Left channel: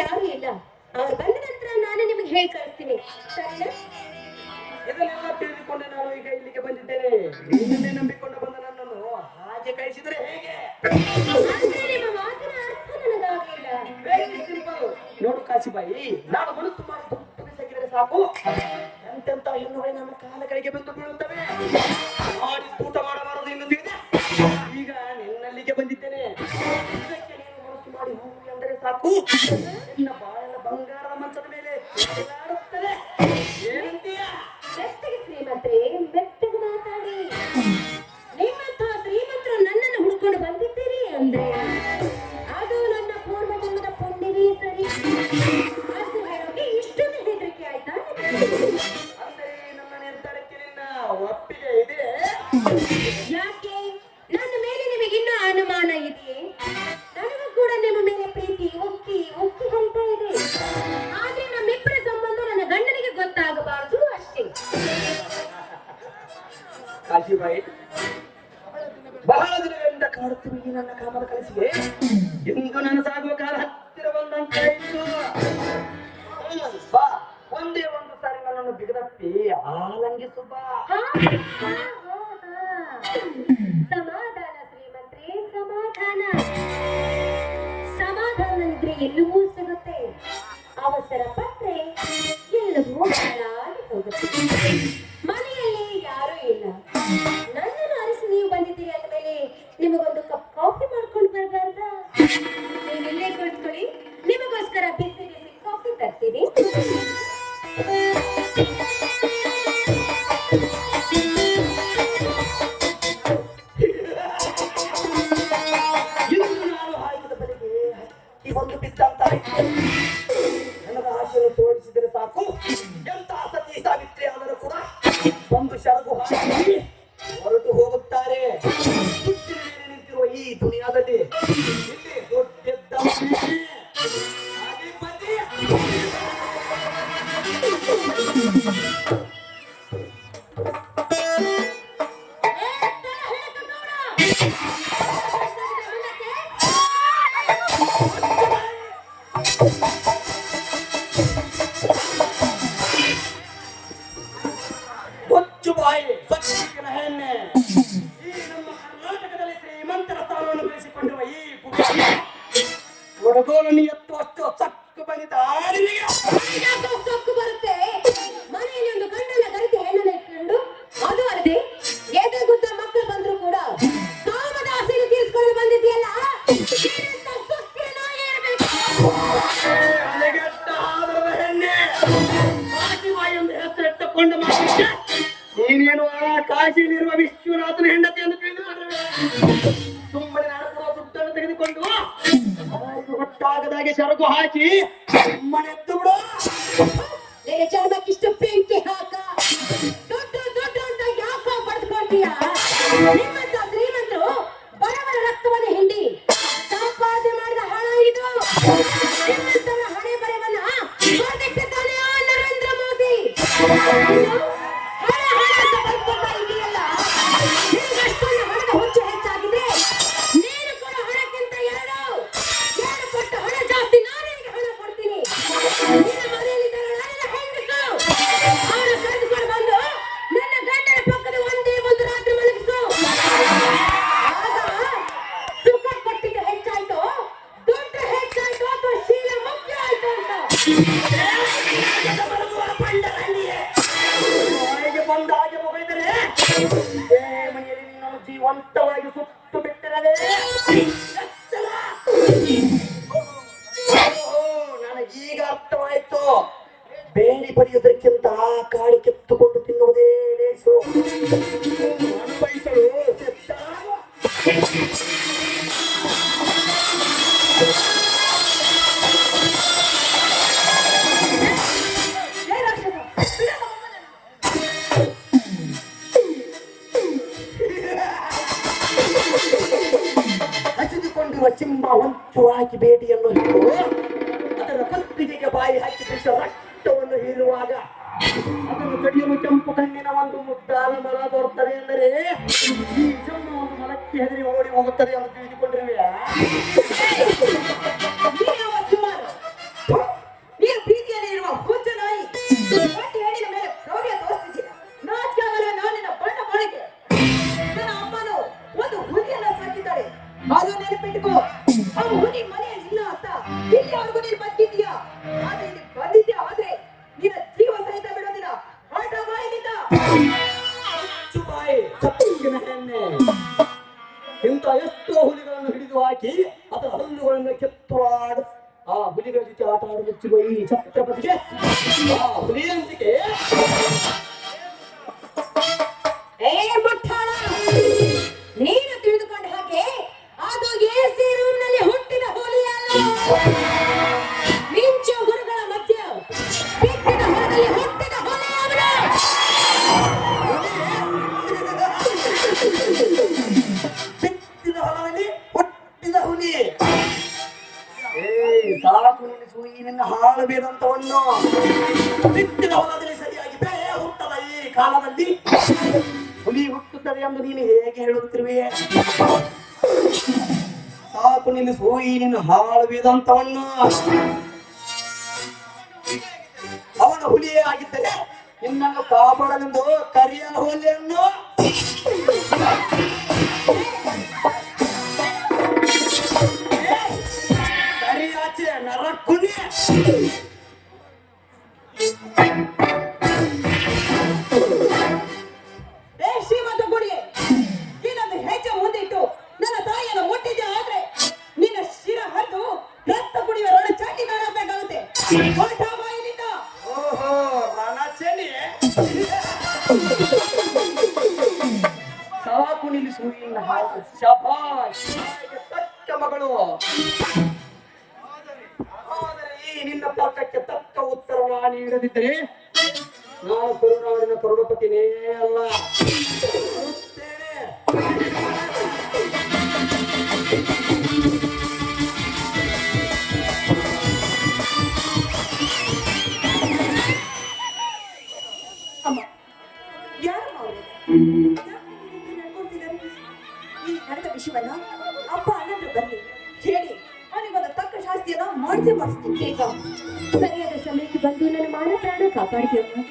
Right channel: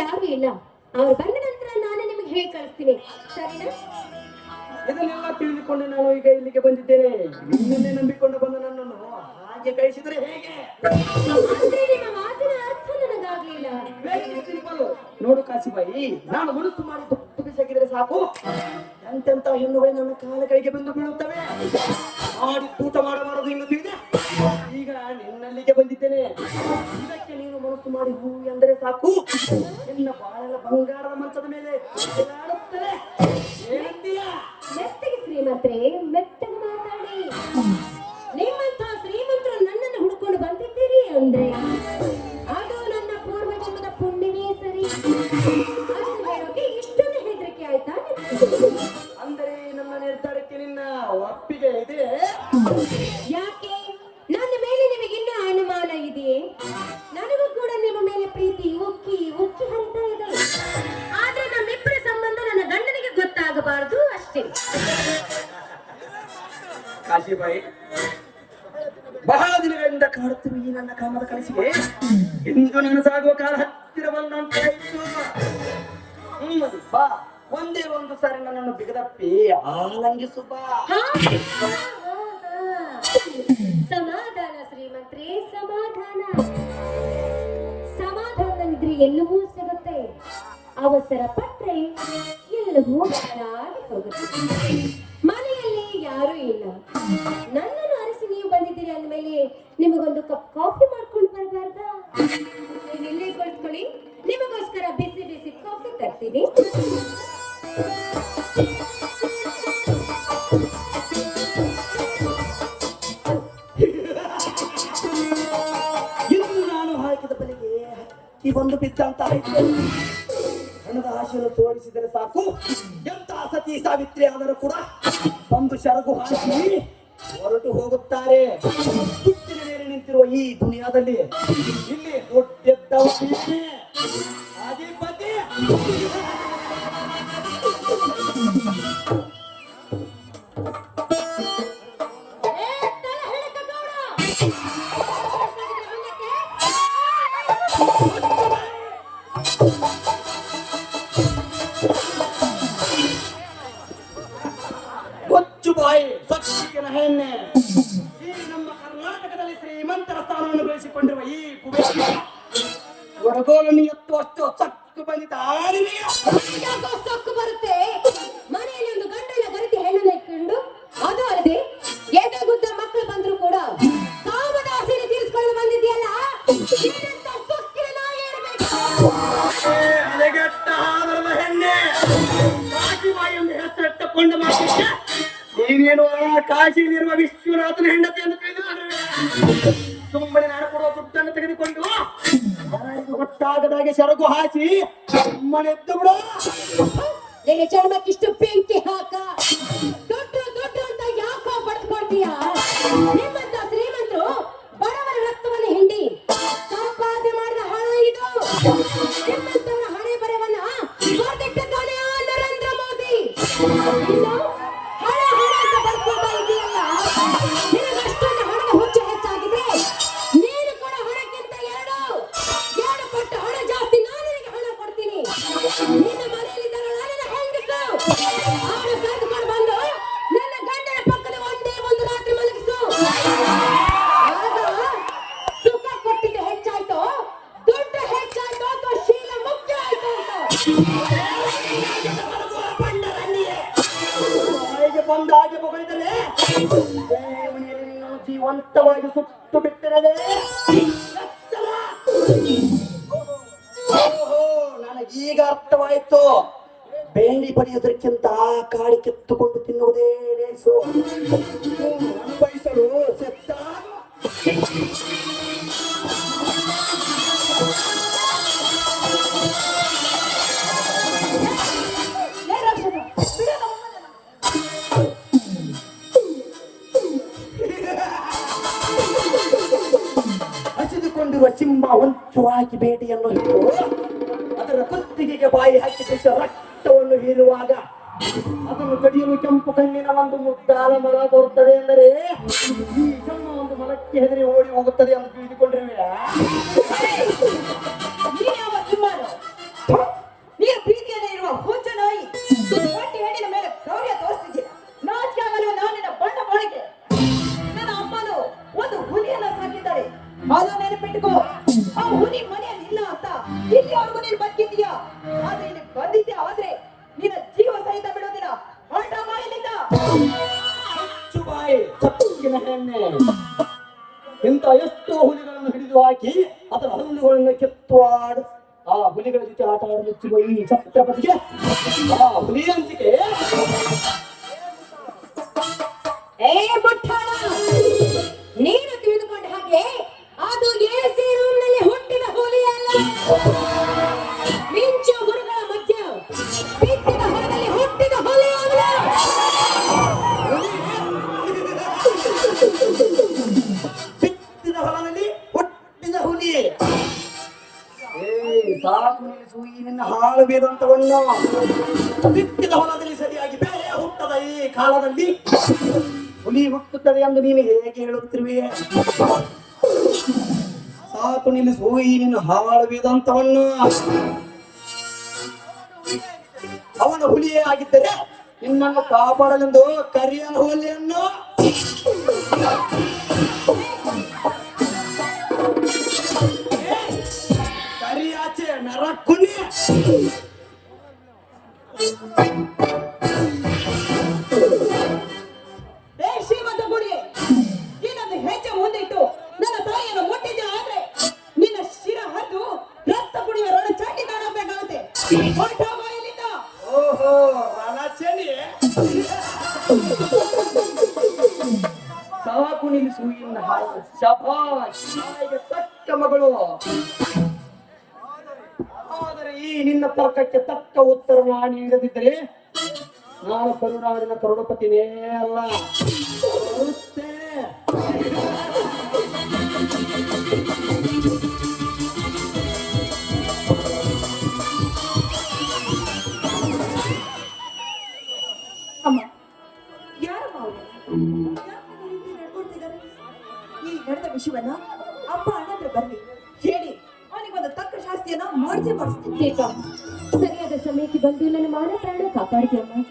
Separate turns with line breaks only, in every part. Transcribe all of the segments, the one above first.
ಯಾರು ಇಲ್ಲ. ಅವ್ರು ಬಂದ ನಂತರ ನಾನು ನಿಮಗೆ ಹೇಳಿ ಕಳಿಸ್ತೀನಿ. ಸರಿನಾ?
ಇದನ್ನೆಲ್ಲ ತಿಳಿದುಕೊಂಡು ನಾನು ಈಗ ಇಲ್ಲಿಗೆ ಬಂದಿದ್ದೇನೆ. ಇದನ್ನೇ ನಂಬಿಕೊಂಡು ಬಂದ ನನ್ನನ್ನು ಹಾಗೆ ಕಳಿಸಿದ್ರೆ ಹೇಗೆ?
ಆದ್ರೆ ನಿಮ್ಮ ಮಾತಿನ ಅರ್ಥ ನನಗಾಗ್ಲಿಲ್ಲ.
ವೆರಿ ಸಿಂಪಲ್ ನೋಡು ಕಾಶಿಬಾಯಿ ನಾನು ಹುಡುಕು ಮಾಡಿ ತುತ್ತು ಬಿಸಾಕಿದ್ರೆ ಸಾಕು. ಎಂತೆಂತ ಹೆಣ್ಣುಗಳು ನನ್ನ ಕಾಲ ಕೈಗೆ ಬಂದು ಬೀಳುತ್ತವೆ. ಮಾಡಿ ಊಟ ಮಾಡಬಾರದು ಎಂದು ತಿಳಿದೆ. ಈಗ ನಿನ್ನಲ್ಲಿಗೆ ಬಂದಿದ್ದೇನೆ. ಮನಸ್ಸು ಮಾಡಿ ಹೂ ಎಂದರೆ ಸಾಕು. ನಿನ್ನ ಬಾಳ ಬಂಗಾರದ ಮಂಚದ ಮೇಲೆ ಕಾಶಿಬಾಯಿ, ಬಹಳ ದಿನಗಳಿಂದ ಕಾಡುತ್ತಿರುವ ಈ ನನ್ನ ಕಾಮದ ಕಳಿಸಿದೆ ಎಂದು ನನಸಾಗುವ ಕಾಲ ಹತ್ತಿರ ಬಂದಂತಾಯಿತು ಬಾ, ಒಂದೇ ಒಂದು ಸಾರಿ ನನ್ನನ್ನು ಬಿಗದಪ್ಪಿ ಆಲಂಗಿಸು ಬಾ.
ಸಮಾಧಾನ ಶ್ರೀಮಂತ್ರಿ, ಸಮಾಧಾನ. ಸಮಾಧಾನ ಇದ್ರೆ ಎಲ್ಲವೂ ಸಿಗುತ್ತೆ. ಅವಸರ ಪಟ್ರೆ. ಎಲ್ಲವೂ ಹಾಳಾಗಿ ಹೋಗುತ್ತೆ ಮನೆಯಲ್ಲಿ ಯಾರೂ ಇಲ್ಲ. ನನ್ನನ್ನು ಅರಸಿ ನೀವು ಬಂದಿದ್ದೀರಿ ಅಂದಮೇಲೆ ನಿಮಗೊಂದು ಕಪ್ ಕಾಫಿ ಮಾಡ್ಕೊಂಡು ಬರಬಾರ್ದಾ? ನೀವು ಇಲ್ಲೇ ಕುಳಿತುಕೊಳ್ಳಿ. ನಿಮಗೋಸ್ಕರ ಬಿಸಿ ಬಿಸಿ ಕಾಫಿ ತರ್ತೀನಿ.
ಹಕ್ಕಿ ಒಂದು ಬಿದ್ದಂತಾಯಿತು ನನಗ ಸಾಕು ಎಂತ ಸತಿ ಸಾವಿತ್ರಿ ಆದರೂ ಕೂಡ ಒಂದು ಶರಗು ಹಾಕಿ ಹೊರಟು ಹೋಗುತ್ತಾರೆ. ಮೇಲೆ ನಿಂತಿರುವ ಈ ದುನಿಯಾದಲ್ಲಿ ಇಲ್ಲಿ. ಹಾಗೆ ಪತಿ. ಒಡಗೋಲನ್ನು ಎತ್ತು ಅಷ್ಟು ಸಕ್ಕು ಬಂದಿದ್ದ
ಸೊಕ್ಕು ಬರುತ್ತೆ. ಮನೆಯಲ್ಲಿ ಒಂದು ಗಂಡನ ಗರಿತಿ ಹೆಣ್ಣನ್ನ ಇಟ್ಕೊಂಡು ಅದು ಅಲ್ಲದೆ ಎದಗುದ್ದ ಮಕ್ಕಳು ಬಂದ್ರು ಕೂಡ ಕಾಮದ ಆಸೆಯನ್ನು ತೀರಿಸ್ಕೊಂಡು ಬಂದಿದ್ಯಲ್ಲ
ನೀನೇನು ಕಾಶಿಯಲ್ಲಿರುವ ವಿಶ್ವನಾಥನ ಹೆಂಡತಿ ಅಂತ ನಾನು ದುಡ್ಡನ್ನು ತೆಗೆದುಕೊಂಡು ಗೊತ್ತಾಗದಾಗೆ ಸರಕು ಹಾಕಿ ಸುಮ್ಮನೆ ಎದ್ದು ಬಿಡು.
ನಿನ್ನ ಚರ್ಮಕ್ಕಿಷ್ಟು ಪಿಂಕಿ ಹಾಕ. ದೊಡ್ಡ ದೊಡ್ಡ ಅಂತ ಯಾಕೋ ಪಡೆದುಕೊಳ್ತೀಯ ನಿಮ್ಮಂತ ಶ್ರೀಮಂತರು ಬಡವರ ರಕ್ತವನ್ನು ಹಿಂಡಿ ಸಂಪಾದನೆ ಮಾಡಿದ ಹಣ ಇದು. ನಿಮ್ಮಂತರ ಹಣೆ ಬರೆವನ್ನ ನರೇಂದ್ರ ಮೋದಿ. ಬಂದ
ಹಾಗೆ ಮನೆಯಲ್ಲಿ ನಿನ್ನ ಜೀವಂತವಾಗಿ ಸುಟ್ಟು ಬಿಟ್ಟಿರದೆ. ಓಹೋ, ನನಗೀಗ ಅರ್ಥವಾಯಿತು. ಬೇಡಿ ಪಡೆಯುವುದಕ್ಕಿಂತ ಕಾಡಿ ಕಿತ್ತುಕೊಂಡು ತಿನ್ನುವುದೇ ಲೇಸು. ಹುಟ್ಟು ಹಾಕಿ ಬೇಟೆಯನ್ನು ಹಿಡಿದು ಅದರ ಕಲ್ಪಿಗೆಗೆ ಬಾಯಿ ಹಾಕಿ ರಕ್ತವನ್ನು ಹೀರುವಾಗ ಅದನ್ನು ಕಡಿಯಲು ಕೆಂಪು ಕಣ್ಣಿನ ಒಂದು ಮುದ್ದಾದ ಮರ ಬರುತ್ತದೆ ಅಂದರೆ ಈ ಜಮ್ಮು ಒಂದು ಮರಕ್ಕೆ ಹೆದರಿ ಓಡಿ ಹೋಗುತ್ತದೆ ಎಂದು ತಿಳಿದುಕೊಂಡಿರುವೆಯಾ ಅದು ನೆನಪಿಟ್ಟುಕೋ.
ನೀನು ಮನೆಯಲ್ಲಿ ಸುಮಾರು
ಥು,
ಇಲ್ಲಿವರೆಗೂ ನೀನ್ ಬಂದಿದ್ಯಾ ಆದ್ರೆ ಇಲ್ಲಿ ಬಂದಿದ್ಯಾ ಆದ್ರೆ ನಿನ್ನ ಜೀವ ಸಹಿತ ಬಿಡೋದಿಲ್ಲ ಹೊರಟ ಬಾ ಇಲ್ಲಿಂದ
ಚುಬಾಯಿ ಚಪ್ಪಲಿನ ಹೆಣ್ಣೆ ಇಂಥ ಎಷ್ಟೋ ಹುಲಿಗಳನ್ನು ಹಿಡಿದು ಹಾಕಿ ಅದರ ಹಲ್ಲುಗಳನ್ನು ಕೆತ್ತು ಆಡ ಆ ಹುಲಿಗಳ ಜೊತೆ ಆಟ ಆಡಲು ಮೆಚ್ಚುವ ಈ ಛತ್ರಪತಿಗೆ ಸಾಕು ನಿನ್ನ ಹಾಳು ಬೇದಂತವನ್ನು ಹೊಲದಲ್ಲಿ ಸರಿಯಾಗಿ ಬೇರೆ ಹುಟ್ಟದ ಈ ಕಾಲದಲ್ಲಿ ಹುಲಿ ಹುಟ್ಟುತ್ತದೆ ಎಂದು ನೀನು ಹೇಗೆ ಹೇಳುತ್ತಿರುವೆ? ಸಾಕು ನಿನ್ನ ಹಾಳು ವೇದಾಂತವನ್ನು ಅವನ ಹುಲಿಯೇ ಆಗಿದ್ದರೆ ನಿನ್ನನ್ನು ಕಾಪಾಡಲೆಂದು ಕರಿಯನ ಹುಲಿಯನ್ನು
ಏ, ಶ್ರೀಮಂತ ಗುಡಿಗೆ ನೀನೊಂದು ಹೆಜ್ಜೆ ಮುಂದಿಟ್ಟು ನನ್ನ ತಾಯಿಯನ್ನು ಮುಟ್ಟಿದ್ದೆ ಆದ್ರೆ ನಿನ್ನ ಶಿರ ಹರಿದು ರಕ್ತ ಕುಡಿಯುವ ರೊಣ ಚಂಡಿ ಕಾಣಬೇಕಾಗುತ್ತೆ
ಓಹೋ ರಣಚನಿ ಸಾಕು ನಿಲ್ಲಿಸು ತಾಯಿಗೆ ತಕ್ಕ ಮಗಳು. ತರ್ಕಕ್ಕೆ ತಕ್ಕ ಉತ್ತರ ನಾನು ನೀಡದಿದ್ದರೆ ನಾನು ಕರುನಾಡಿನ ಕರುಣಪತಿನೇ ಅಲ್ಲ?
ಈ ನಡೆದ ವಿಷಯವನ್ನ ಮಾಡಿಸಿ
ಸರಿಯಾದ ಸಮಯಕ್ಕೆ ಬಂದು ನನ್ನ ಮಾನ ಪ್ರಾಣ ಕಾಪಾಡ್ತೀಯಮ್ಮ.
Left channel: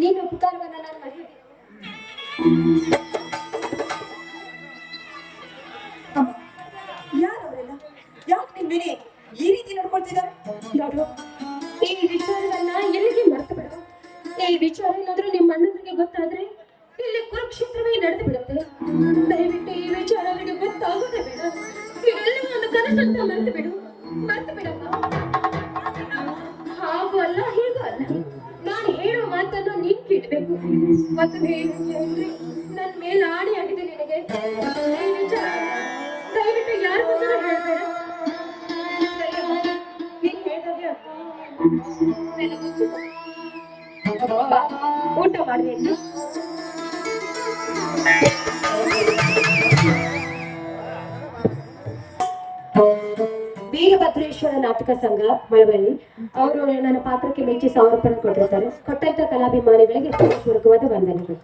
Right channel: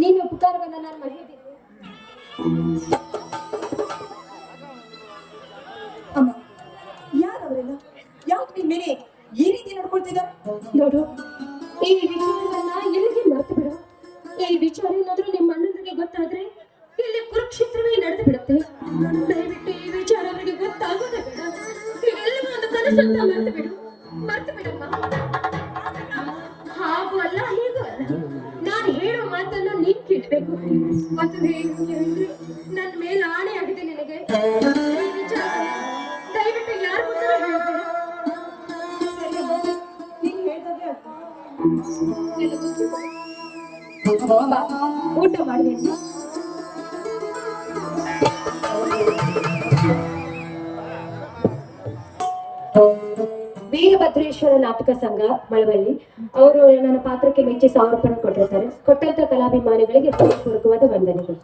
ನೀನು ಉಪಕಾರವನ್ನ ನಾನು ಮರೆಯಬೇಕು
ಯಾರವರೆಲ್ಲ? ಯಾಕೆ ನಿಮ್ಮ ಮೇಲೆ ಈ ರೀತಿ ನಡ್ಕೊಳ್ತಿದ್ದಾರೆ
ನೋಡು, ಈ ವಿಚಾರವನ್ನ ಎಲ್ಲಿಗೆ ಮರೆತು ಬಿಡು. ಈ ವಿಚಾರ ಏನಾದ್ರೂ ನಿಮ್ಮ ಅಣ್ಣನಿಗೆ ಗೊತ್ತಾದ್ರೆ ಇಲ್ಲಿ ಕುರುಕ್ಷೇತ್ರವೇ ನಡೆದು ಬಿಡುತ್ತೆ. ದಯವಿಟ್ಟು ಈ ವಿಚಾರ ಅವರಿಗೆ ಗೊತ್ತಾಗೋದೇ ಬೇಡ. ಇವೆಲ್ಲ ಒಂದು ಮರೆತು ಬಿಡು. ಊಟ ಮಾಡಬೇಕು. ವೀರಭದ್ರೇಶ್ವರ ನಾಟಕ ಸಂಘ, ಮಳವಳ್ಳಿ. ಅವರು ನನ್ನ ಪಾತ್ರಕ್ಕೆ ಮೆಚ್ಚಿ ಸಮರ್ಪಣೆ ಕೊಟ್ಟಿರ್ತಾರೆ. ಕೊಟ್ಟಂತ ಕಲಾಭಿಮಾನಿಗಳಿಗೆ ಪೂರ್ವಕವಾದ ವಂದನೆಗಳು.